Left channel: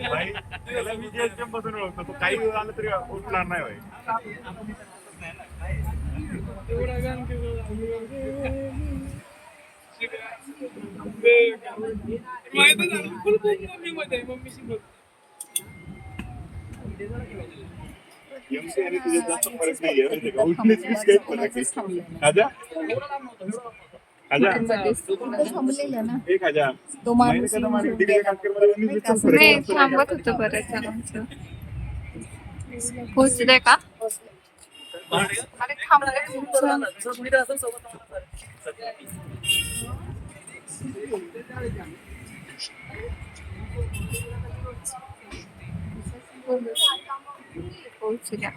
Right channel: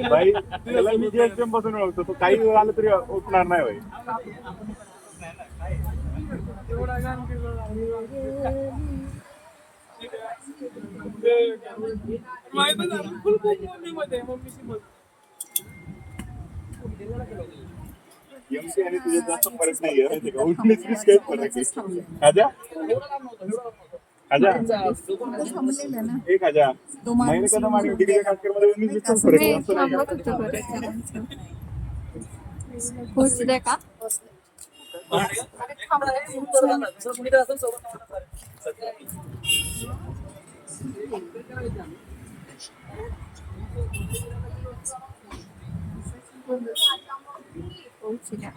भाई त्याला मी जीएसटीएम पासून ओळखतो, तो काही वेळ आला तरी उठणार नाही भाई. एमसी आणि तुझ्या जास्त फरक नाहीये माहिती का, उठण्याची काही फरक आहे. आजा आजा एक आजा महिने कदा मागे डिग्री काटकरमध्ये उन्नीस वीस फरक नाही आहे. थांबत होतं बरंच जणांचं. पोहोचले का? अरे थांबले तुमचं. पोहोचल्या.